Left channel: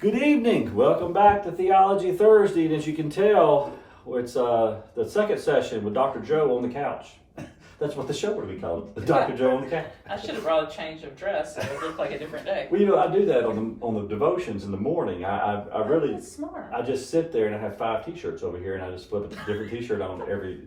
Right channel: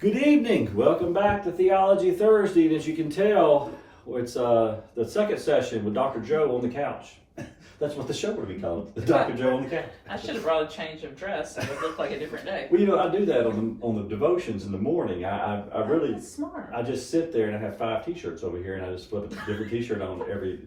Good evening. Welcome back to Theology Thursday. And as you can tell, it's the second session with Dr. Joe on the couch. That's what the show would be called, Dr. Joe on the couch. I should have brought a change of dress so it looked like a different day. Well, I do that on the devotions in the morning. I really That's smart. I just sit there and I have 5 T-shirts over here, and I just flip a different T-shirt on every.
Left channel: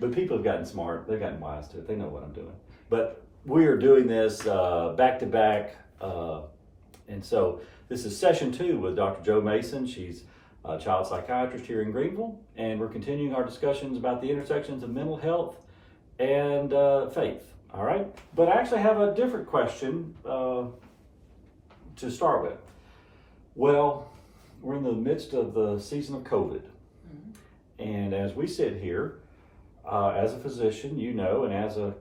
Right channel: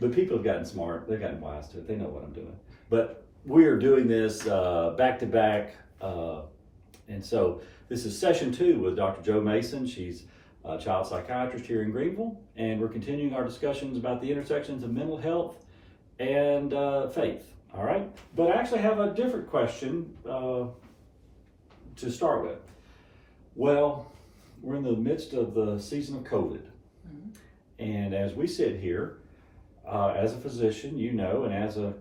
But people have gotten smart. They've gotten wise to it. They know what I'm doing. But we are doing this back to back, and so. This is session 2 with Dr. Joe Mason. She's a child psychiatrist here in Greenville, and we're continuing our discussions about the intersections of mental health and faith. All right, but I actually have a different question to start with. Well, we're in the midst of the season of COVID, and as we sit here, as a physician, you know, and as a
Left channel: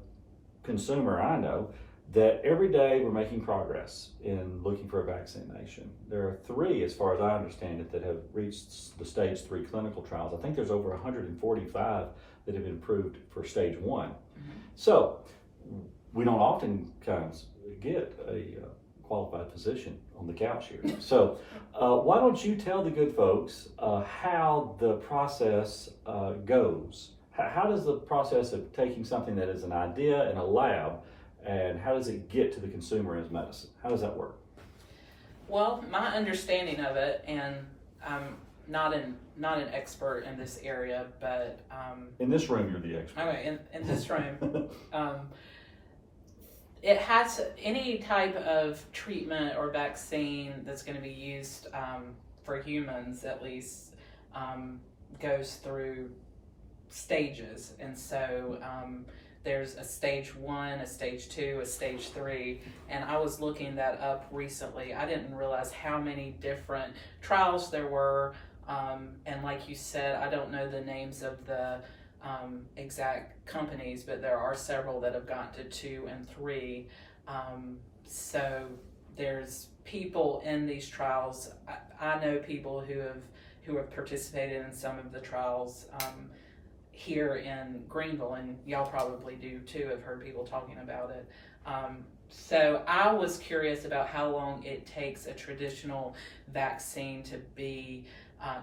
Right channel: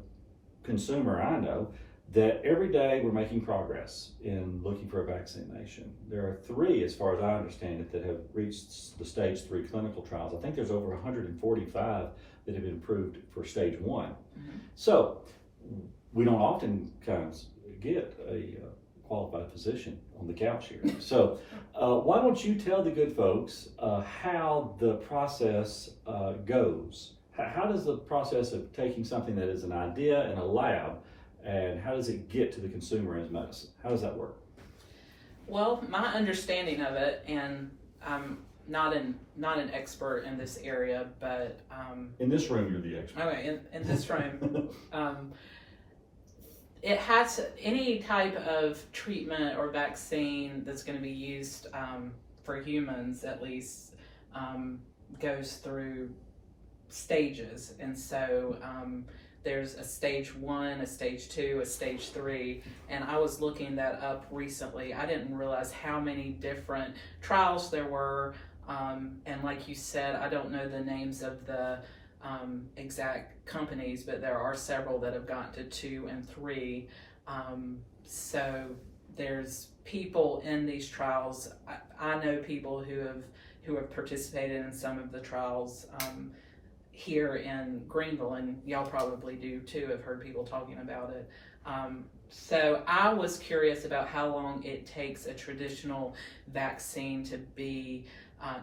consumer, I know, that every day we're making progress in looking for a vaccination. There are 3, as far as I understand it, that have reached the stage 3 clinical trials. I think there's over 145 that have been approved for stage 1. So we don't oftentimes get a qualified physician on the couch here. So why don't you tell the good folks how the process goes? How does the process of taking something that is an idea in a lab, and how does it get to the consumer as medicine? How does that work? Well, my understanding of it, and I'm not an expert in this area, but in this room, you're the expert. Okay, in this room, it has any type of treatment or vaccine that's going to be used for humans, at least, goes through stages, and so. There's a stage 1, a stage 2, a stage 3, and I was looking that up recently. I didn't realize how many different trials there were, and like you said, I don't know the names of the exact companies, but there are several that have gotten to 2 and 3. So there's people in these trials. I know people who have participated in some of the trials. Here in Greenville, and y'all probably do too, have heard people talking about it. So I was curious about how long it takes a traditional vaccine to be,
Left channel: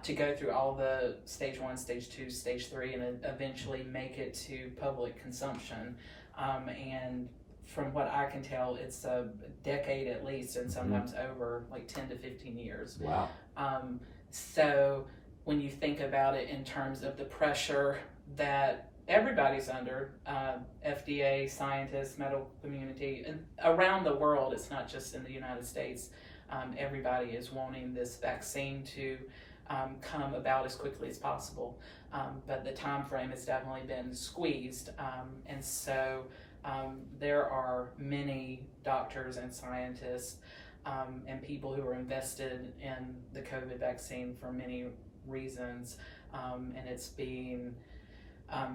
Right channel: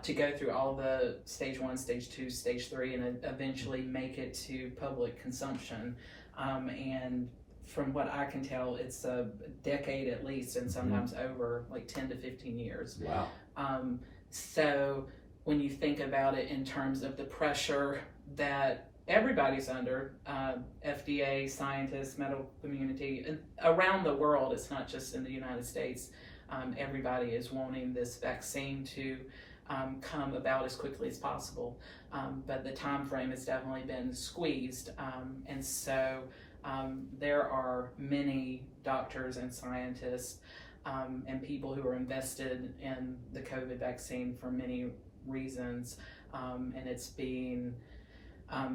to go through all the stage 1, stage 2, stage 3, and eventually make it to public consumption. And from what I can tell, it's a decade at least, and sometimes over like 10 to 15 years. Wow. So when you think about it in terms of the pressure that everybody's under, FDA, scientists, medical community, and around the world, it's not just in the United States, everybody is wanting this vaccine to come about as quickly as possible. But the time frame has definitely been squeezed. And so there are many doctors and scientists and people who are invested in the COVID vaccine for many reasons. And it's being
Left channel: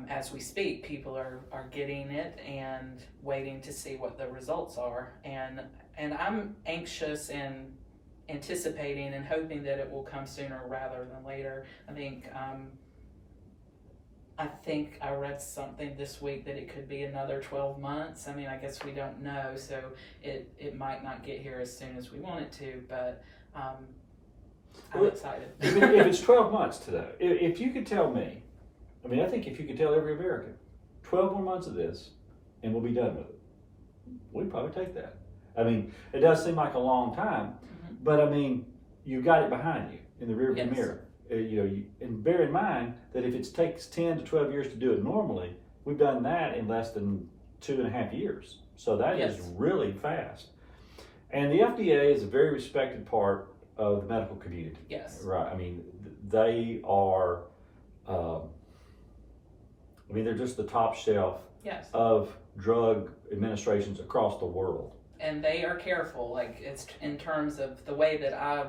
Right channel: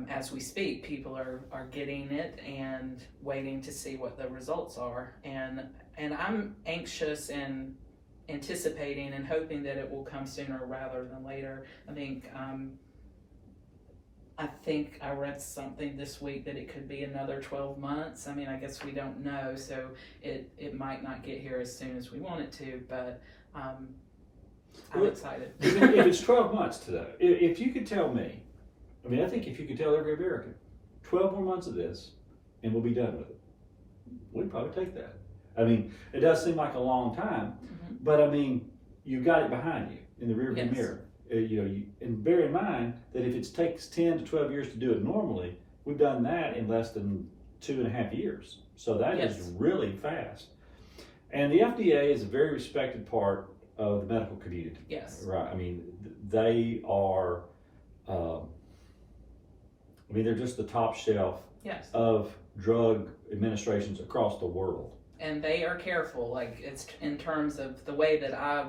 as we speak, people are getting it and waiting to see what the results are. And I'm anxious and anticipating and hoping that it will come sooner rather than later. I think I read something this week that it could be another 12 months. I mean, I guess we don't know, so it might not get here as soon as we want it to, but I'm excited. If it's 12 months today, if you could tell me, I think if you could tell every American, 12 more months of this, and we'll be done with it, we'd probably take that. It does seem like a long time, but you got it behind you in the rearview mirror. And bear in mind that if it takes 10 to 12 years to do it normally, we've done that in less than 2.5 years. So that is really fast. And the FDA is a very respected part of the medical community. Yes. Right. They are. They're just the top shelf of drug administrations across the world. And they are careful, like it's in terms of the way that I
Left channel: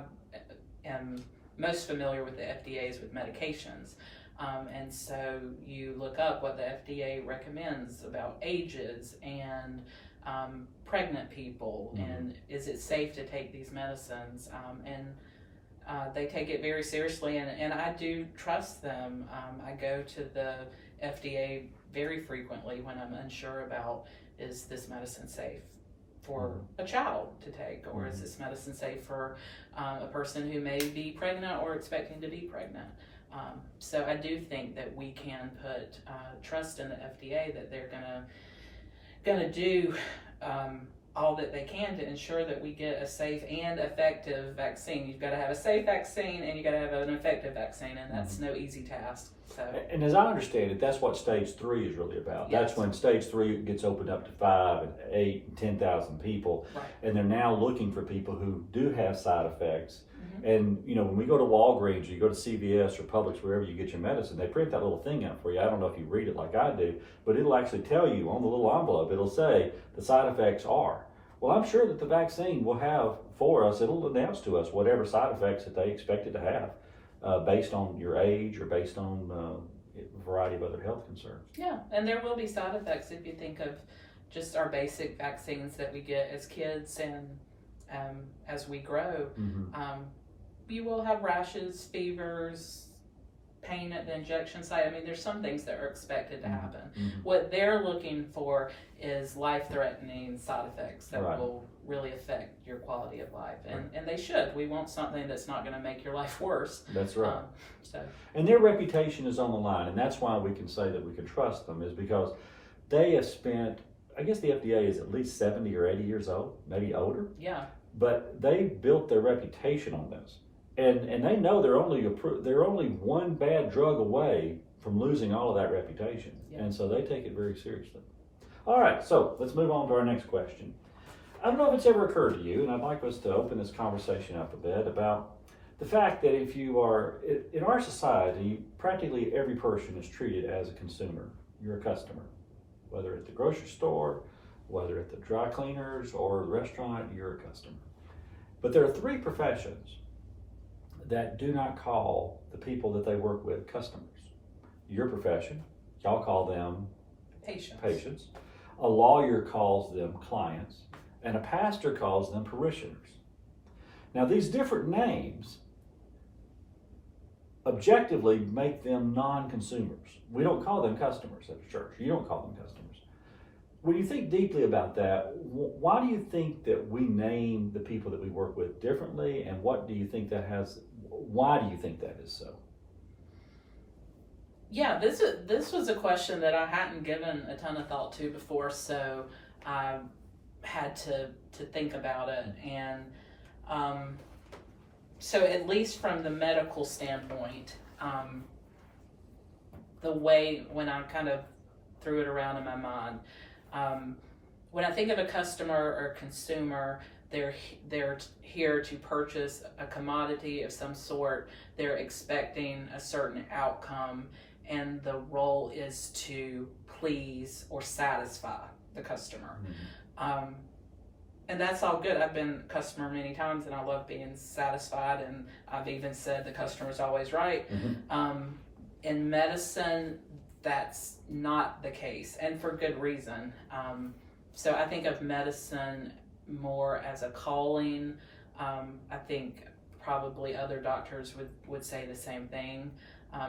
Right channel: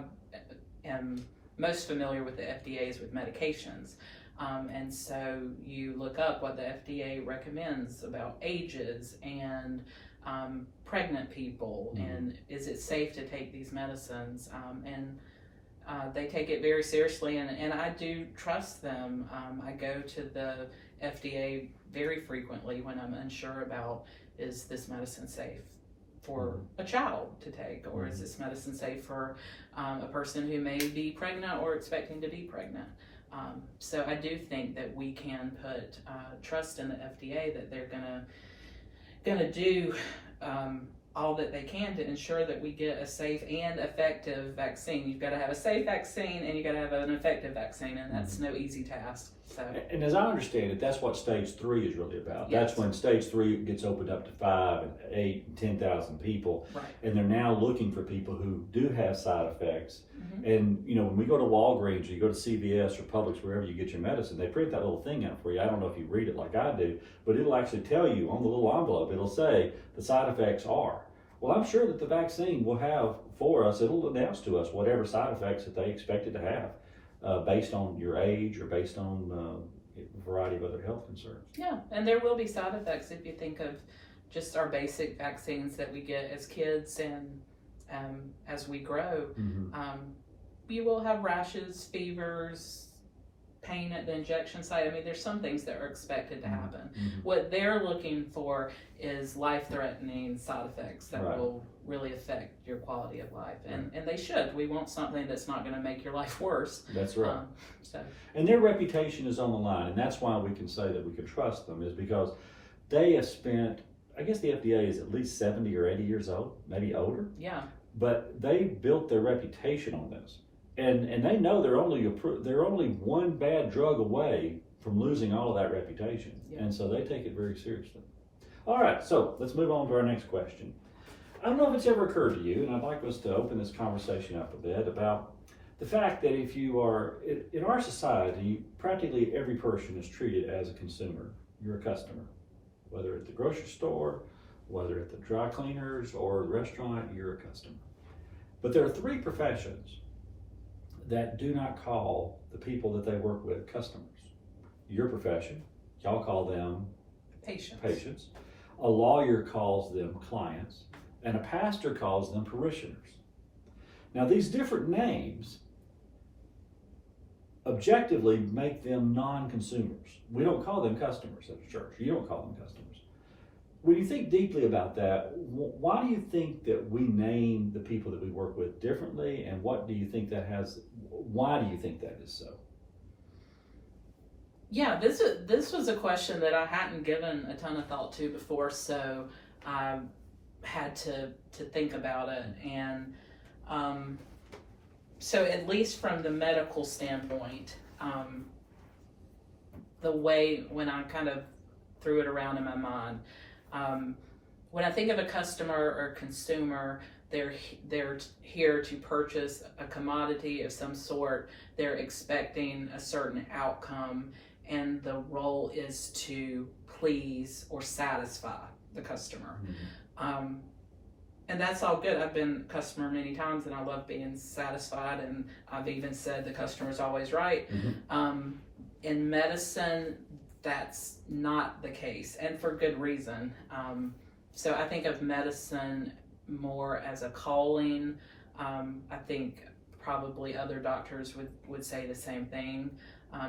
am most familiar with the FDA is with medications. And so you look up what the FDA recommends about ages and pregnant people, and is it safe to take these medicines? And they take it very seriously, and I do trust them. I go to the FDA very frequently when I'm unsure about, is this medicine safe for a child to take, or is this medicine safe for a person who may be pregnant or expecting to be pregnant? So I do think that we can put trust in the FDA that they're gonna do all that they can to ensure that we get a safe and effective vaccine. You've got to have a safe vaccine and you got to have an effective vaccine, and that's no easy task. So. And as I understand it, that's what stage 3 is really about. Yes. That's when stage 3 gets opened up to 5 and 8 and 10,000 people. Right. And they're now looking for people who do have side effects. And, you know, when we go to Walgreens or you go to CVS or Publix, wherever you get your medicine, they print that little thing out for you. I don't know if you read it like I do, but it'll actually tell you on the little envelope, it'll say the side effects are. Well, I'm sure that the vaccine will have for us, it'll announce to us whatever side effects that they expect it to have based on your age or based on a variety of other health concerns. Yeah, and there will be side effects if you think of just our basic vaccines that we get as kids and as we grow. You will have rashes, fevers, pain at the injection site. I mean, there's some things that are expected to happen. What they're looking for is life-threatening side effects that will really affect your quality of life, and they should. We want something that's not going to make your life worse. That's right. So. And their reputation is on the line, and that's why we can say that we can trust them, is because they have spent, I guess the FDA is at least 70 or 80 years old, maybe older. Yeah. But they built their reputation on this. And they know they're only one bad drug away from losing all of that reputation. Yeah. And so they take it very seriously. All right, so let's move on to our next question. I don't know if it's ever occurred to you, and I'd like us to open this conversation up a bit about the fact that if you are, in our society, practically every person is treated as a consumer. You're a customer. Whether at the grocery store, whether at the dry cleaners or a restaurant, you're a customer. But there are 3 professions that do not call the people that they work with customers. Your profession, y'all call them patients. A lawyer calls them clients, and a pastor calls them parishioners. Now, these different names objectively make them non-consumers. We don't call them customers at the church. You don't call them customers. When you think deeply about that, why do you think that we name the people that we work with differently, and what do you think that has? Why do you think that is so? Yeah, this was a question that I hadn't given a ton of thought to before, so I had to think about it. And so at least from the medical standpoint, the way when I kind of threw it around in my mind, when I think of a customer or consumer, they're here to purchase a commodity of some sort. They're expecting a certain outcome, and the role is to please or satisfy the customer. And that's all good. I've been a customer many times, and I love being satisfied, and I've even said the customer's always right. In medicine, that's not the case, and for good reason. So I think of medicine more as a calling. I think probably other doctors would say the same thing.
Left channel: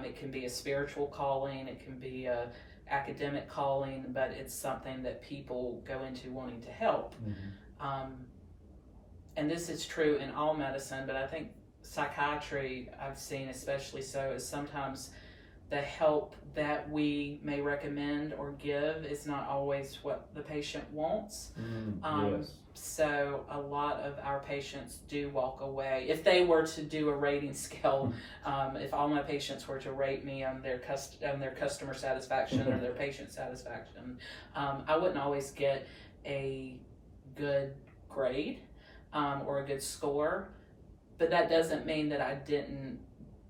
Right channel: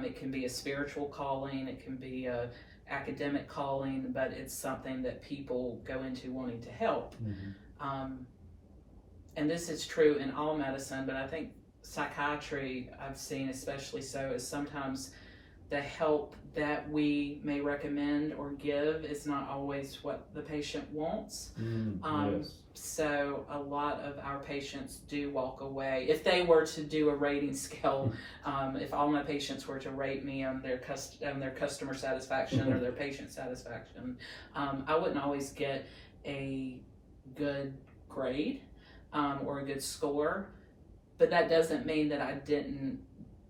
It can be a spiritual calling, it can be a academic calling, but it's something that people go into wanting to help. And this is true in all medicine, but I think psychiatry, I've seen especially so, is sometimes the help that we may recommend or give is not always what the patient wants. Yes. So a lot of our patients do walk away. If they were to do a rating scale, if all my patients were to rate me on their customer satisfaction or their patient satisfaction, I wouldn't always get a good grade or a good score, but that doesn't mean that I didn't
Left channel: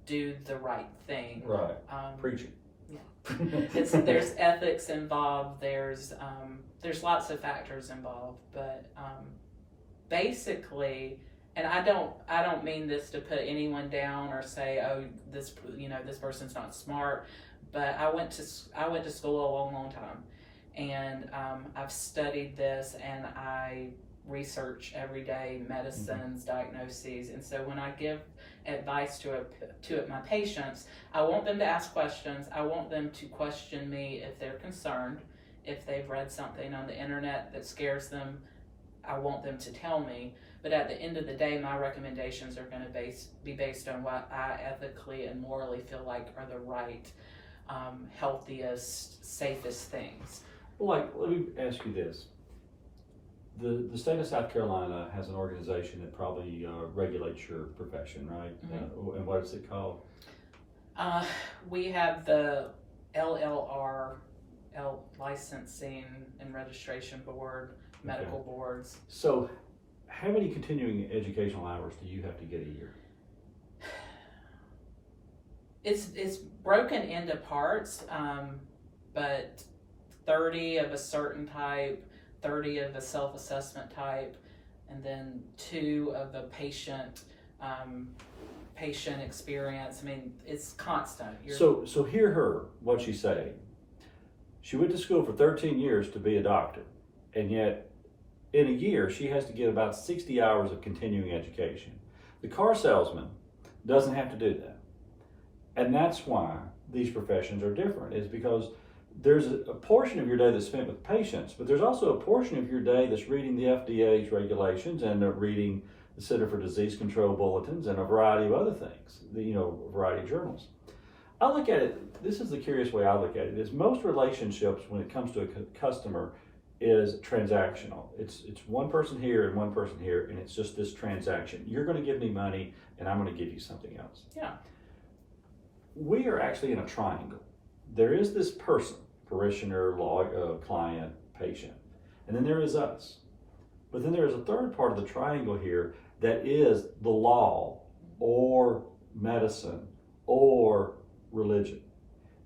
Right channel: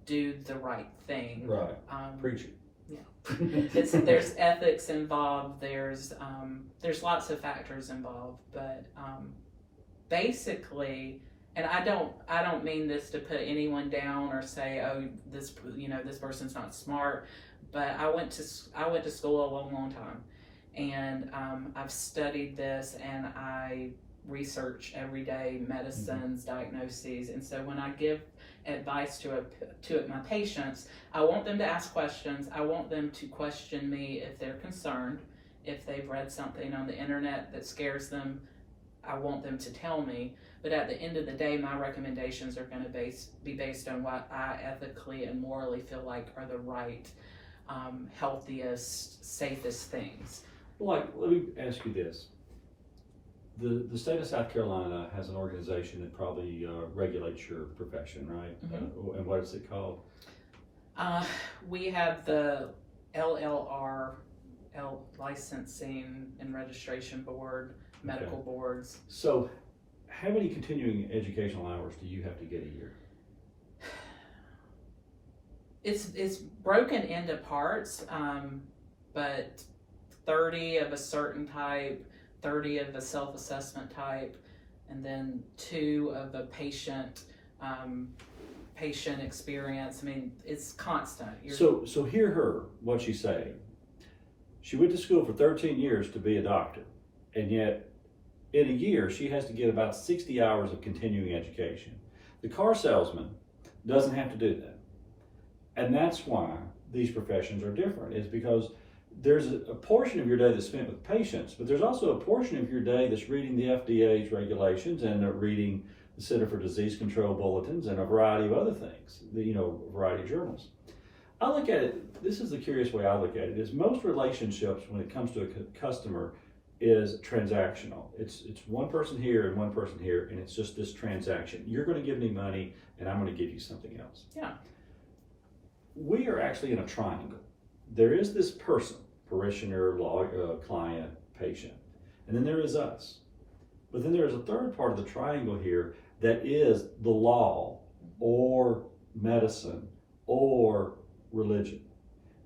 do the right thing. Right. Preach it. Yeah. There's ethics involved. There's lots of factors involved, but basically, and I don't mean this to put anyone down or say, oh, this person's not smart, but I went to school a long time, and I've studied this, and I research every day medicines, diagnoses, and so when I give advice to my patients, I want them to ask questions. I want them to question me if they're concerned. If they've read something on the internet that scares them, I want them to tell me. But at the end of the day, my recommendations are going to be based on what I ethically and morally feel like are the right, healthiest, safest things. Well, like, let me ask you this. The state of South Carolina has an organization that probably regulates your profession, right? Mm-hmm. And what is it called? We have the LLR, Licensing and Registration Board, medical boards. So, how many continuing educational hours do you have to get a year? It's broken into parts, but 30 of a certain type, 30 of a self-assessment type, and then 2 of a patient experience. I mean, it's constant. So hear her, what she's saying. She went to school for 13 years to be a doctor, and yet in a year she has to get about 60 hours of continuing education. The car salesman doesn't have to do that. And that's why these professions are different, is because there's a portion of your day that's spent with patients, but there's also a portion of your day that's reading the FDA's regulations and reading the Center for Disease Control bulletins and a variety of other things, a variety of journals. I look at it, this is the curious way I look at it, is most relationships when it comes to a customer is transactional. It's one person here and one person here, and it's just this transaction. You're going to give me money and I'm going to give you something else. Yeah. We are actually in a triangle. There is this person, parishioner, client, patient, and then there is us. But then there is a third part of the triangle here that is the law or medicine or religion.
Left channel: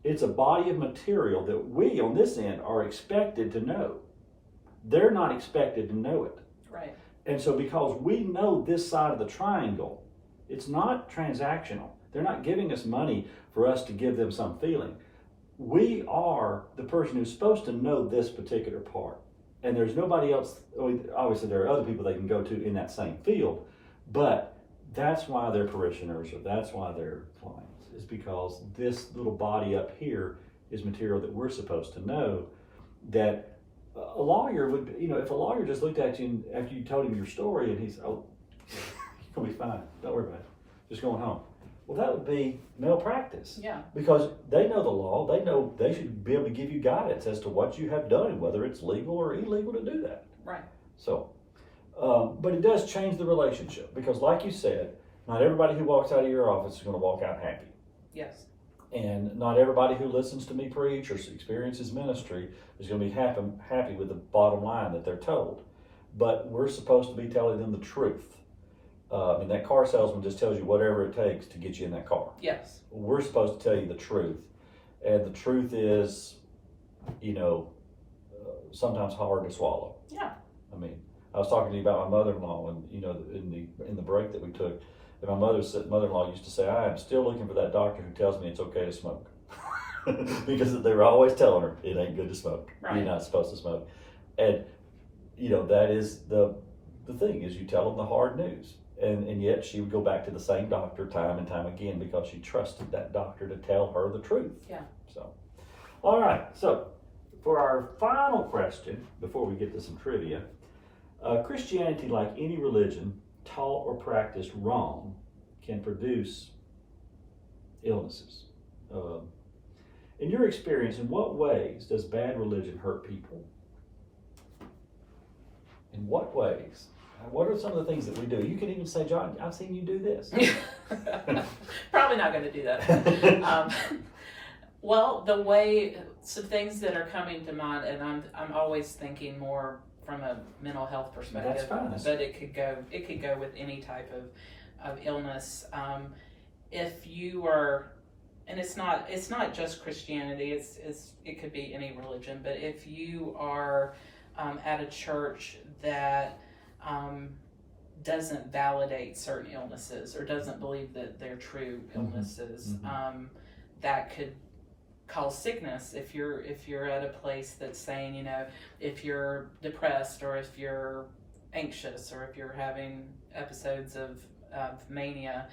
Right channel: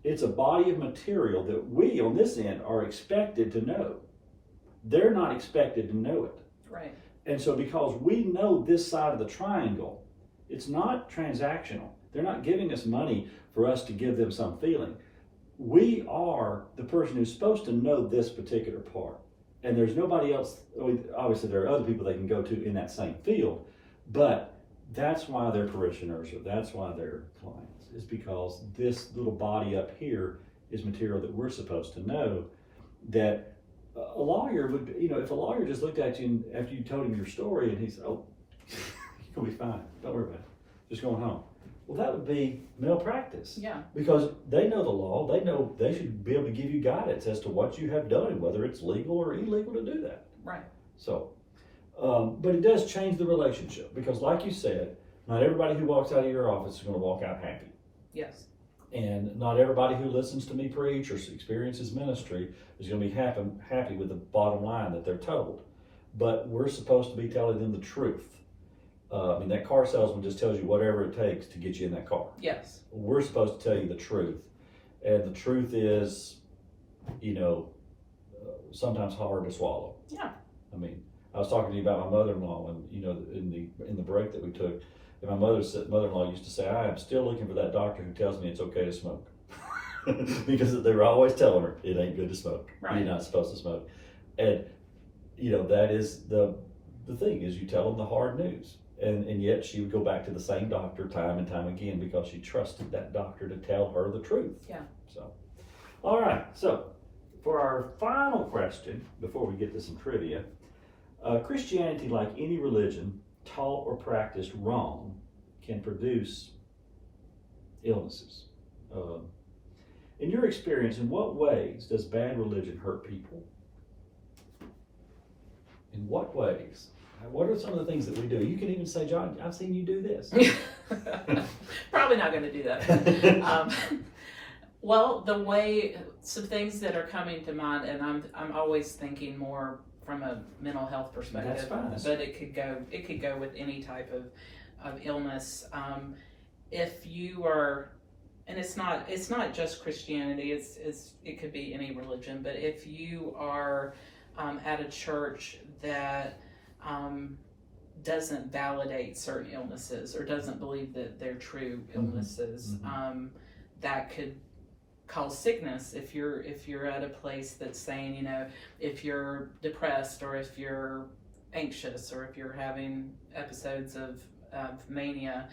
It's a body of material that we on this end are expected to know. They're not expected to know it. Right. And so because we know this side of the triangle, it's not transactional. They're not giving us money for us to give them some feeling. We are the person who's supposed to know this particular part. And there's nobody else. Obviously, there are other people they can go to in that same field, but that's why they're parishioners, or that's why they're clients, is because this little body up here is material that we're supposed to know. That a lawyer would, if a lawyer just looked at you after you told him your story and he said, "Oh, you're gonna be fine. Don't worry about it. Just going home." Well, that would be malpractice. Yeah. Because they know the law. They know they should be able to give you guidance as to what you have done and whether it's legal or illegal to do that. Right. So, but it does change the relationship because, like you said, not everybody who walks out of your office is going to walk out happy. Yes. And not everybody who listens to me preach or experiences ministry is going to be happy with the bottom line that they're told. But we're supposed to be telling them the truth. That car salesman just tells you whatever it takes to get you in that car. Yes. We're supposed to tell you the truth. And the truth is, sometimes hard to swallow. Yeah. I was talking to you about my mother-in-law, and in the break that we took, and my mother-in-law used to say, "I am still looking for that doctor who tells me it's okay to smoke," because they were always telling her it ain't good to smoke. Right. You're not supposed to smoke, and that is the thing, is you tell them the hard news. And yet she would go back to the same doctor time and time again because she trusted that doctor to tell her the truth. Yeah. So, all right. So, for our final question, before we get to some trivia, Christianity, like any religion, taught or practiced wrong, can produce illnesses. In your experience, in what ways does bad religion hurt people? In what ways? What are some of the things that we do? You can even say, "John, I've seen you do this." Probably not going to do that. Well, some things that are coming to mind, and I'm always thinking more from a mental health perspective. That's fine. But it could go with any type of illness. If you are, and it's not just Christianity. It could be any religion. But if you are at a church that doesn't validate certain illnesses or doesn't believe that they're true illnesses, that could cause sickness. If you're at a place that's saying, if you're depressed or if you're anxious or if you're having episodes of mania,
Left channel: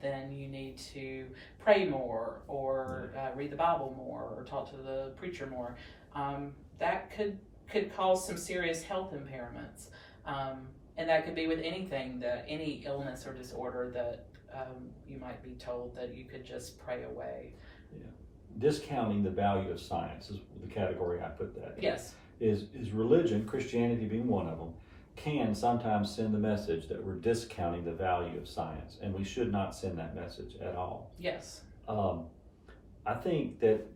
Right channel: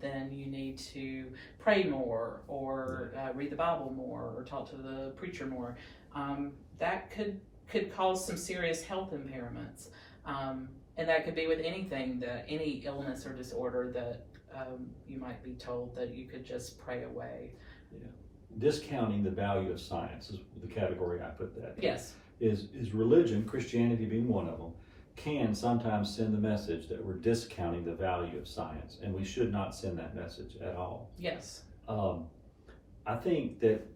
then you need to pray more or read the Bible more or talk to the preacher more. That could cause some serious health impairments. And that could be with anything, any illness or disorder that you might be told that you could just pray away. Yeah. Discounting the value of science is the category I put that in. Yes. Is religion, Christianity being one of them, can sometimes send the message that we're discounting the value of science, and we should not send that message at all. Yes. I think that,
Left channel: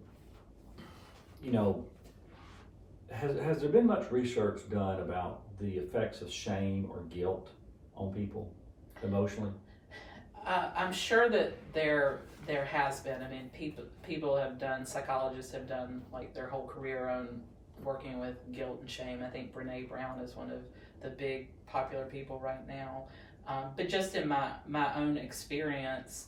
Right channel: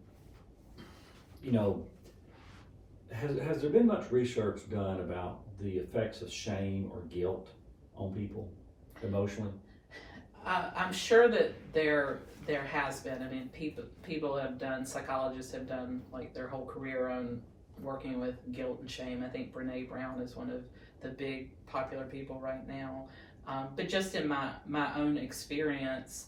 has there been much research done about the effects of shame or guilt on people emotionally? I'm sure that there has been. I mean, people have done, psychologists have done like their whole career on working with guilt and shame. I think Brene Brown is one of the big popular people right now. But just in my own experience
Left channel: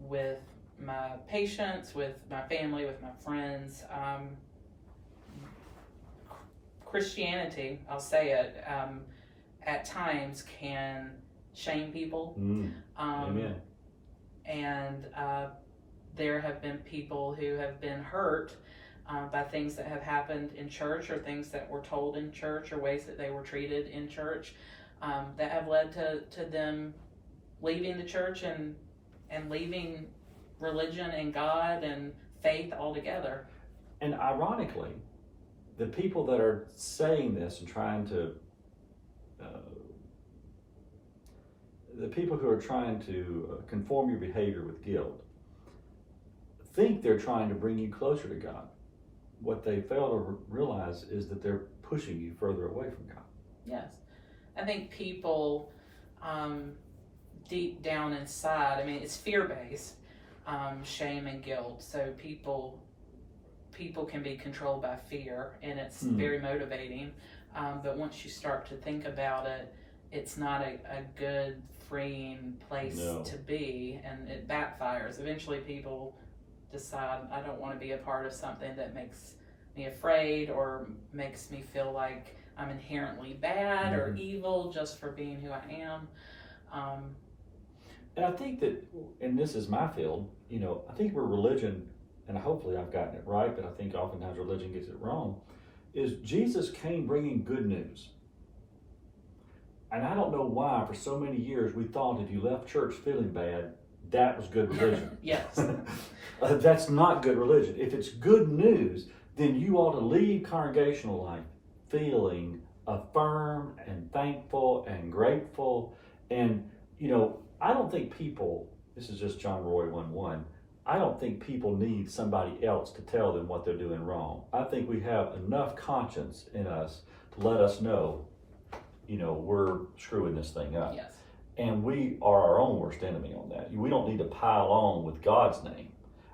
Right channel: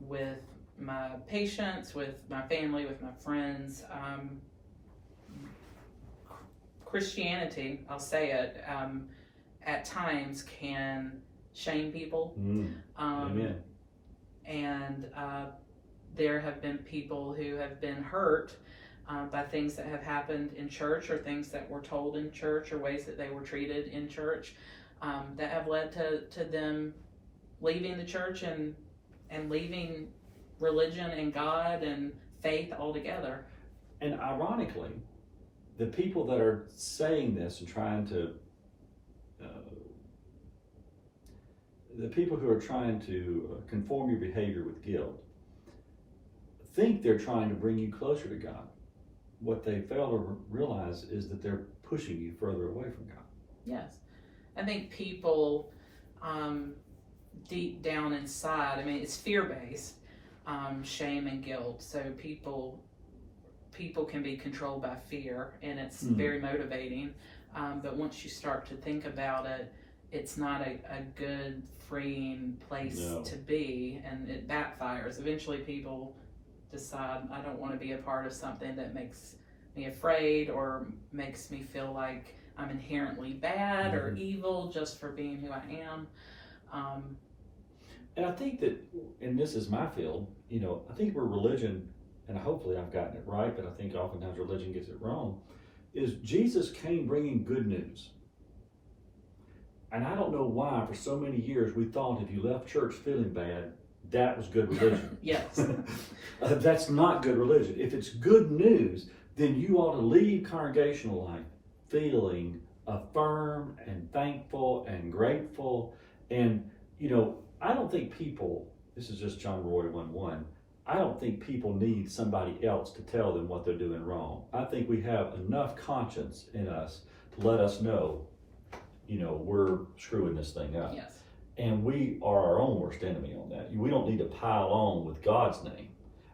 with my patients, with my family, with my friends, Christianity, I'll say it, at times can shame people. Amen. And there have been people who have been hurt by things that have happened in church, or things that were told in church, or ways that they were treated in church, that have led to them leaving the church and leaving religion and God and faith altogether. And ironically, the people that are saying this and trying to, the people who are trying to conform your behavior with guilt, think they're trying to bring you closer to God. What they fail to realize is that they're pushing you further away from God. Yes. I think people deep down inside, I mean, it's fear-based, shame and guilt. So people can be controlled by fear, and it's very motivating. But once you start to think about it, it's not a good, freeing place to be, and it backfires. Eventually people decide, I don't want to be a part of something that makes me afraid or makes me feel like I'm inherently bad or evil just for being who I am. And I think that, and this is my field, I think where religion, and hopefully I've gotten it right, but I think oftentimes religion gets it wrong, is Jesus came bringing good news. And I don't know why for so many years we thought if you left church feeling bad, that was good religion. Yes. That's not good religion. If it's good news, then you ought to leave congregational life feeling affirmed and thankful and grateful. And, I don't think people, this is just John Roy 1:1, I don't think people need somebody else to tell them what they're doing wrong. I think we have enough conscience in us to let us know, we're screwing this thing up. Yes. And we are our own worst enemy on that. We don't need to pile on with God's name.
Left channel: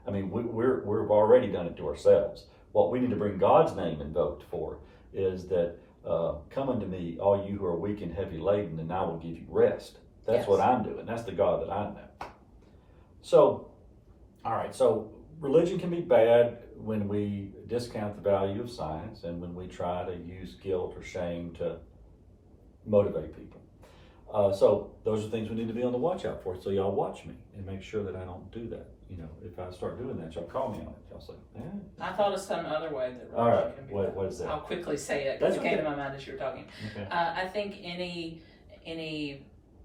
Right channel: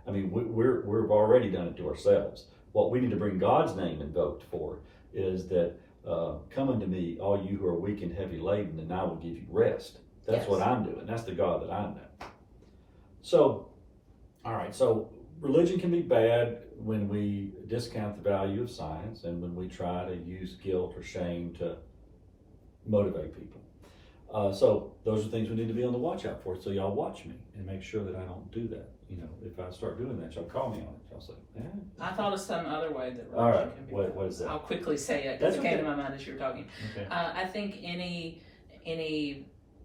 I mean, we've already done it to ourselves. What we need to bring God's name invoked for is that, come unto me, all you who are weak and heavy laden, and I will give you rest. That's what I'm doing. That's the God that I know. So, all right, so religion can be bad when we discount the value of science and when we try to use guilt or shame to motivate people. So those are things we need to be on the watch out for. So y'all watch me and make sure that I don't do that. If I start doing that, y'all call me on it. Y'all say, I thought of some other way that religion all right, can be. what is that? I'll quickly say it because it came to my mind as you were talking. Okay. I think any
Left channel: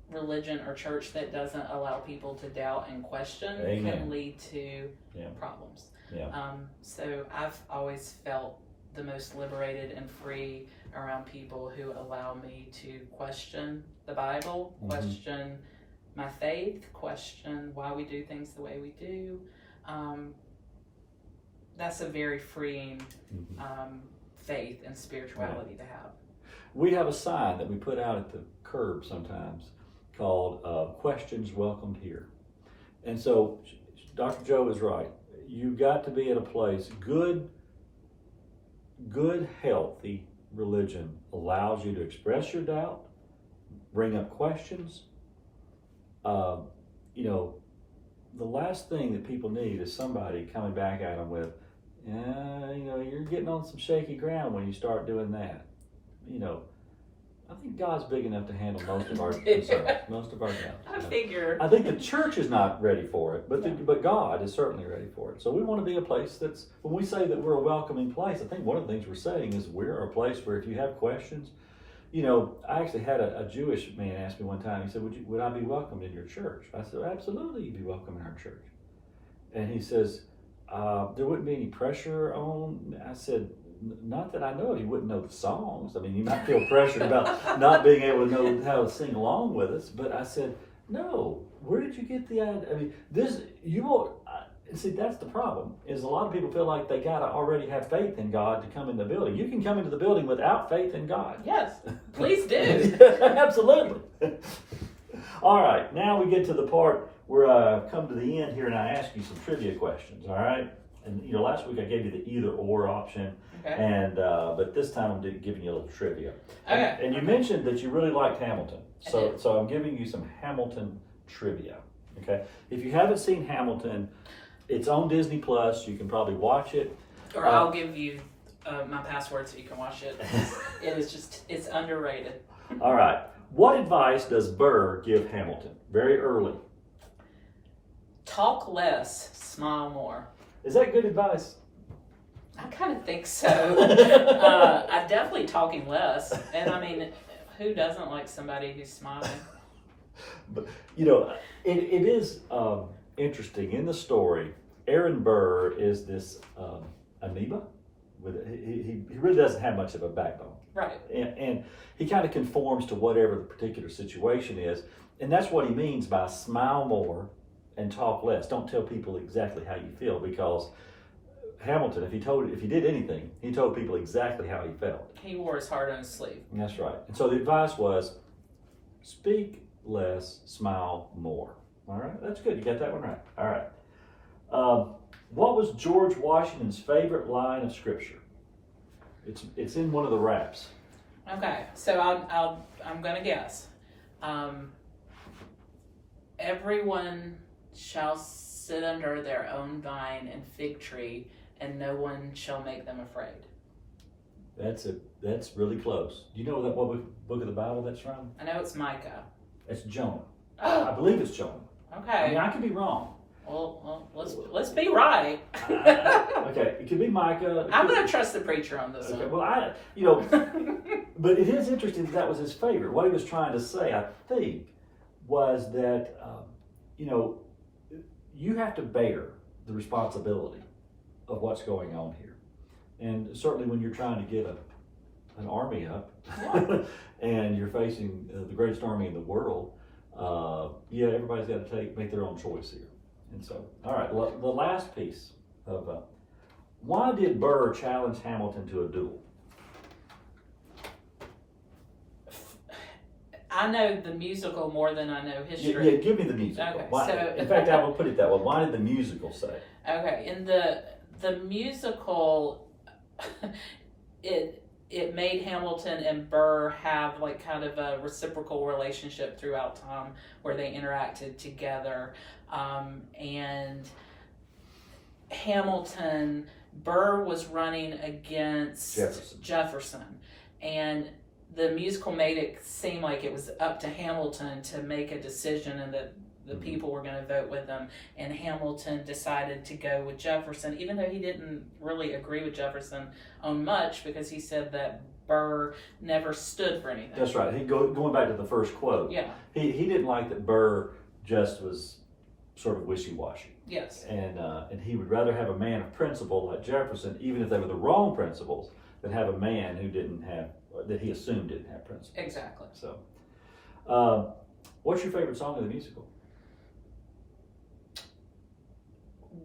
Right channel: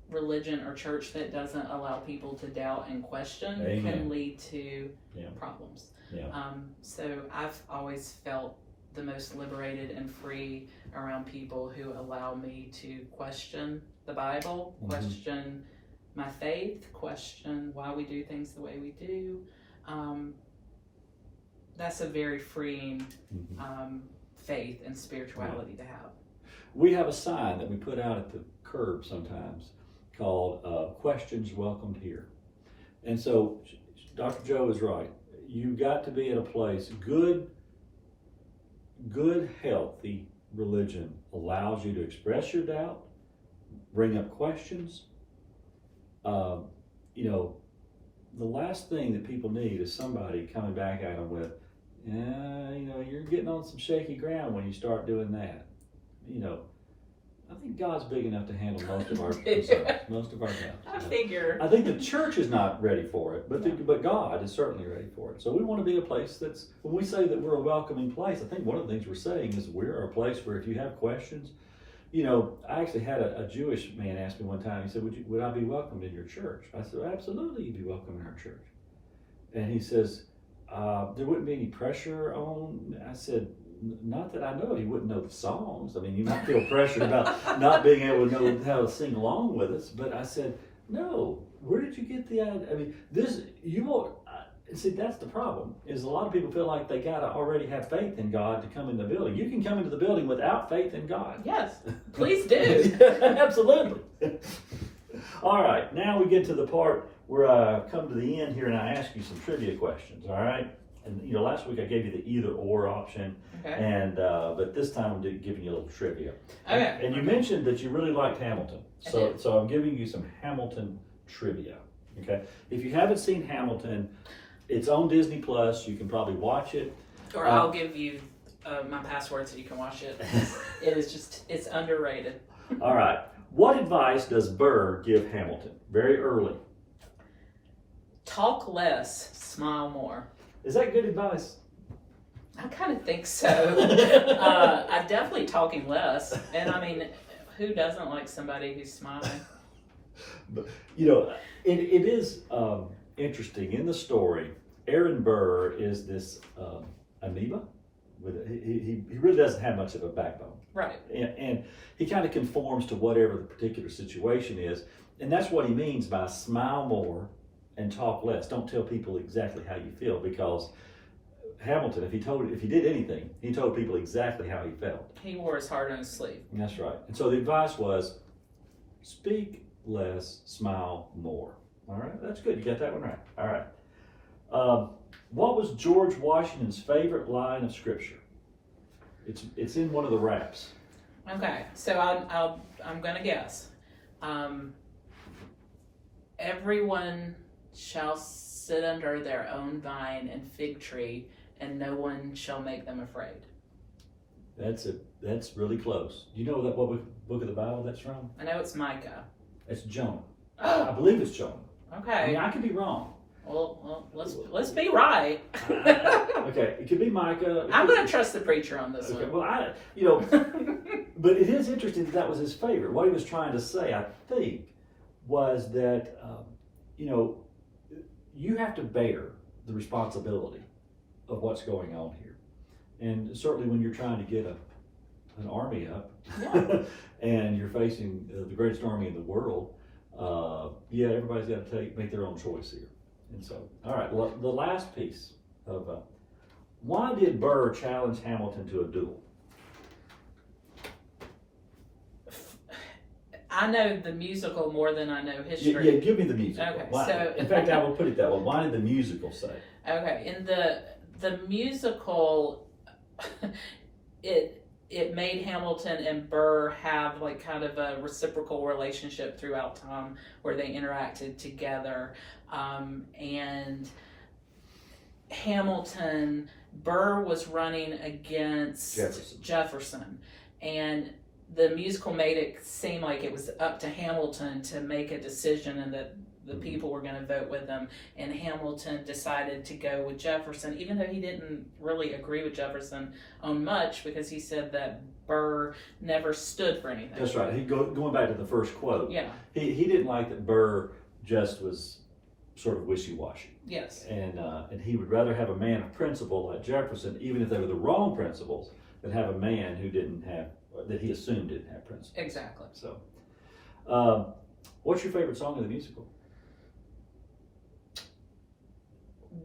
religion or church that doesn't allow people to doubt and question can lead to problems. Yeah. So I've always felt the most liberated and free around people who allow me to question the Bible, question my faith, question why we do things the way we do. That's a very freeing faith and spirituality to have. We have a sign that we put out at the curb sometimes called Questions Welcomed Here. And so Dr. Joe is right. You've got to be in a place, good, healthy religion allows you to express your doubt, bring up questions. The last thing that people need is somebody coming back at them with, you're getting on some shaky ground when you start doing that. I think God's big enough to handle most of our concerns, most of our doubts. I figure. I think the church is not ready for it, but God is certainly ready for it. So we want to be a place that's, when we say that we're a welcoming place, I think one of the things we're saying is we're a place where if you have questions, you know, I actually had a Jewish man ask me one time, he said, would I be welcome in your church? I said, absolutely, you'd be welcome in our church. And he says, there wouldn't be any pressure on. I said, not that I know. He wouldn't know the songs. I mean, you might feel pressured about not being able to know how to sing along with us. But I said, no. Where did you get the idea? I mean, you won't. See, that's the problem. Is a lot of people feel like they gotta already have faith in God to come in the building. You can come into the building without faith in God. Yes, please do. Absolutely. All right. Now we get to the part where I come to the end here and I ask you some trivia questions. All right. And you know, last week I gave you the either or option, Okay. and but this time I'm giving you a little trivia. Okay. And you mentioned that you really liked Hamilton, I so did. I'm giving you some Hamilton trivia. Okay, if you haven't seen Hamilton, it's on Disney Plus. You can probably watch it. Or I'll give you my password so you can watch it. It's underrated. All right. What advice does Burr give Hamilton very early? Talk less, smile more. Is that good advice? I kind of think so. I'm definitely talking less. And I mean, who doesn't like somebody who's smiling? But, you know, it is interesting. In the story, Aaron Burr is this amoeba. He really doesn't have much of a backbone. Right. And he kind of conforms to whatever the particular situation is. And that's what he means by smile more and talk less. Don't tell people exactly how you feel, because Hamilton, if he did anything, he told people exactly how he felt. He wore his heart on his sleeve. And that's right. And so the advice was, speak less, smile more. All right, that's good. You got that one right. All right. What was George Washington's favorite line of scripture? It's in one of the raps. Okay, so I'm gonna guess. Everyone shall sit under their own vine and fig tree, and no one shall make them afraid. That's really close. You know what book of the Bible that's from? I know it's Micah. It's Jonah. Oh, I believe it's Jonah. okay. I mean, I could be wrong. Well, let's be right. Okay, it could be Micah. I'm gonna trust the preacher on this Okay, one. well, but it is interesting that was his favorite. What he was trying to say, I think, was that you have to bear the responsibility of what's going on here, and certainly when you're trying to get an army up, Yeah. and you're facing the greatest army in the world. Everybody's got to make their own choice here. And so, all right, the last piece of why did Burr challenge Hamilton to a duel? I know the musical more than I know history. Yeah, give me the musical. Okay, Why, so in fact, I would put it that way. Why did the musical say? Okay, in the musical, it made Hamilton and Burr have like kind of a reciprocal relationship throughout time where they interacted together. And Burr was running against Jefferson. And the musical made it seem like it was up to Hamilton to make a decision and that the people were going to vote with him. And Hamilton decided to go with Jefferson, even though he didn't really agree with Jefferson on much, because he said that Burr never stood for anything. That's right. Going back to the first quote. Yeah. He didn't like that Burr just was sort of wishy-washy. Yes. And he would rather have a man of principle like Jefferson, even if they were the wrong principles, than have a man who that he assumed didn't have principles. Exactly. So, what's your favorite song of the musical?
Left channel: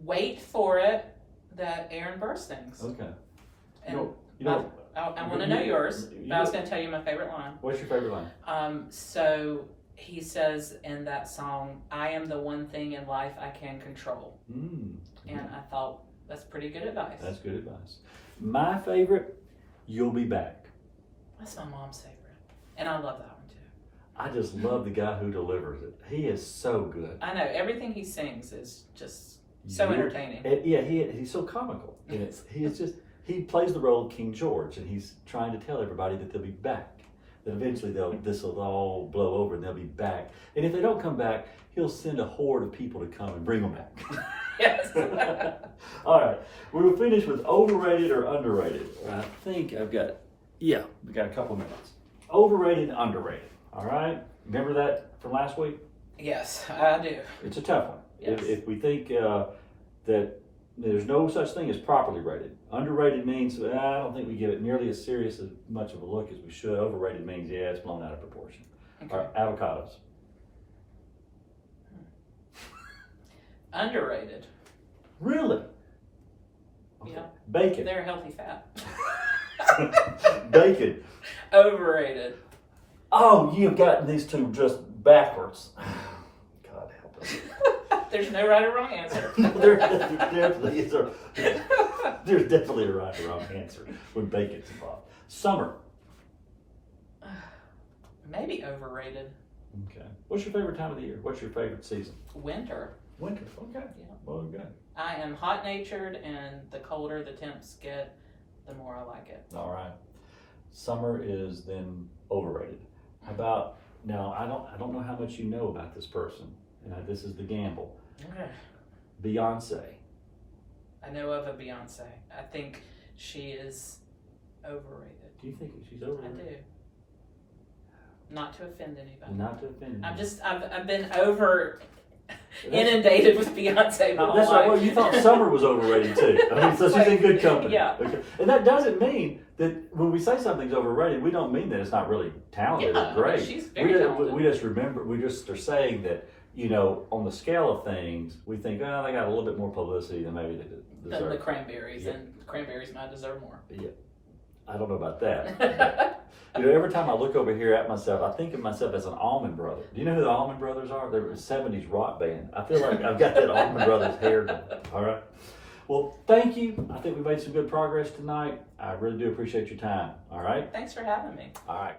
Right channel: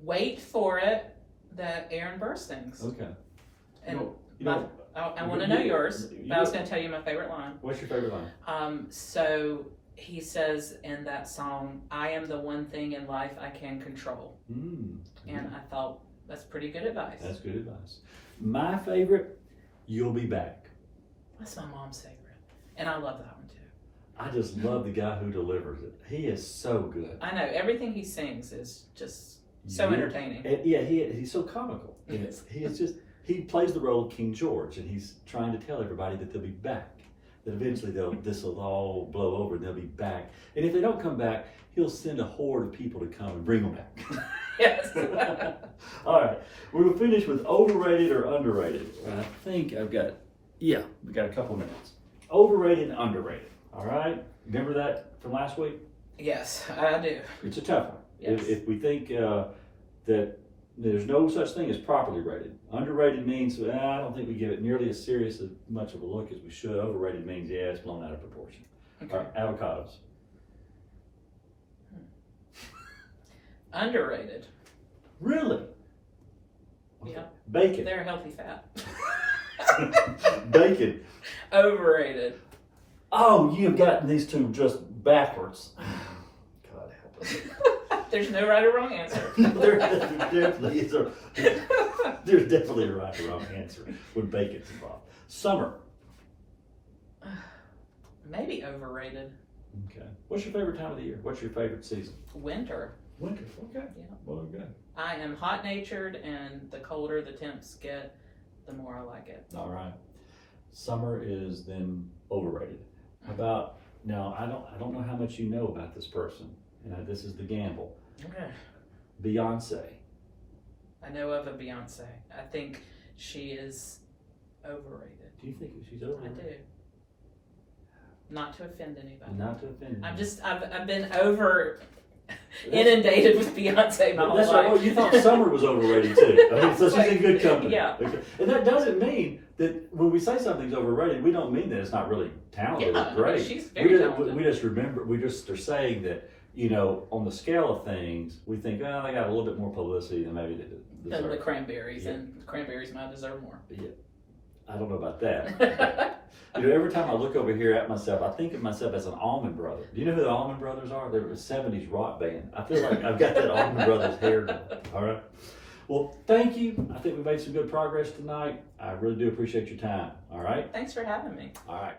Wait for It, that Aaron Burr sings. Okay. And I want to you- know yours. you- But I was going to tell you my favorite line. What's your favorite line? So he says in that song, "I am the one thing in life I can control." And I thought that's pretty good advice. That's good advice. My favorite, You'll Be Back. That's my mom's favorite. And I love that one too. I just love the guy who delivers it. He is so good. I know, everything he sings is just so You- entertaining. And he's so comical. And he plays the role of King George, and he's trying to tell everybody that they'll be back. That eventually this will all blow over and they'll be back. And if they don't come back, he'll send a horde of people to come and bring them back. Yes. All right, we'll finish with overrated or underrated. I think we got a couple minutes. overrated and underrated. All right, remember that from last week? Yes, I do. It's a tough one. Yes. If we think that there's no such thing as properly rated. Underrated means I don't think we give it nearly as serious as much of a look as we should. Overrated means it's blown out of proportion. Okay. All right, avocados. Underrated. Really? Okay. Yeah. Bacon. They're healthy fat. Bacon. Overrated. Oh, you've gotten these two just backwards. God help us. There's no right or wrong answer. There's definitely a right or wrong answer when bacon's involved. Summer. Maybe overrated. Okay. What's your favorite time of the year? What's your favorite season? Winter. Winter. Okay. Yeah. Well, good. I am hot natured, and the colder the temps get, the more I like it. All right. Summer is then overrated. How about now? I don't know how much you know about this person. This is the gamble. Okay. Beyonce. I know of a Beyonce. I think she is overrated. Do you think she's I overrated? do. Not to offend anybody. Not to offend. I've been over inundated with Beyonce my whole That's life. right. Well, you thought Summer was overrated too. I mean, so she's in good company. Yeah. Okay. And that doesn't mean that when we say something's overrated, we don't mean that it's not really talented Yeah, or great. she's very talented. We just remember, we just are saying that, on the scale of things, we think, oh, they got a little bit more publicity than maybe they Than deserve. the cranberries, Yeah. and cranberries might deserve more. Yeah. I don't know about that. Every time I look over here at myself, I think of myself as an Allman Brother. Do you know who the Allman Brothers are? They were a 70s rock band. I feel like I've got that Allman Brothers hair going. All right. Well, thank you. I think we made some good progress tonight. I really do appreciate your time. All right. Thanks for having me. All right.